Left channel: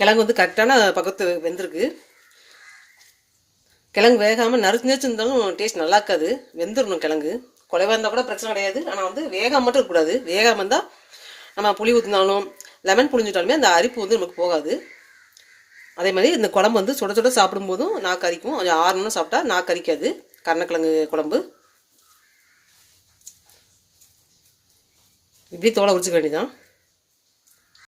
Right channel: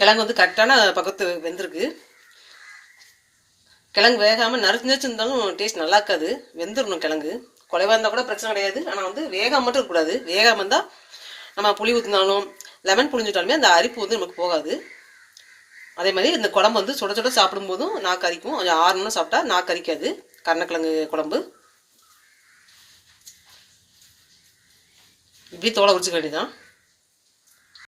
கிழங்கு வந்து கரெக்டான பக்கத்து வெந்திருக்கு. கிழங்கு வேகாமல் நறுச்சு நறுச்சு இருந்தாலும் டேஸ்ட் நல்லா இருக்காது. வெந்துடணும் கிழங்கு. குறைவாக இருந்தால் கூட பிரச்சனை கிடையாது. ஆனால் வந்து வேகாமல் மட்டும் இருக்கக்கூடாது. வேகாமல் இருந்தால் நம்ம புளி ஊற்றினாலும் லெமன் புளிஞ்சிட்டாலுமே அந்த அரிப்பு வந்து நமக்கு போகாது. அதே மாதிரி இந்த குழம்பு வந்து சுட சுட சாப்பிடும்போதும் நாக்கு அரிக்கும். கொஞ்சம் ஆறணும்னு சாப்பிட்டா நாக்கு அரிக்காது கருணக்கிழங்கு குழம்பு. இப்படி தோலை உரிச்சிக்க வேண்டியதான்.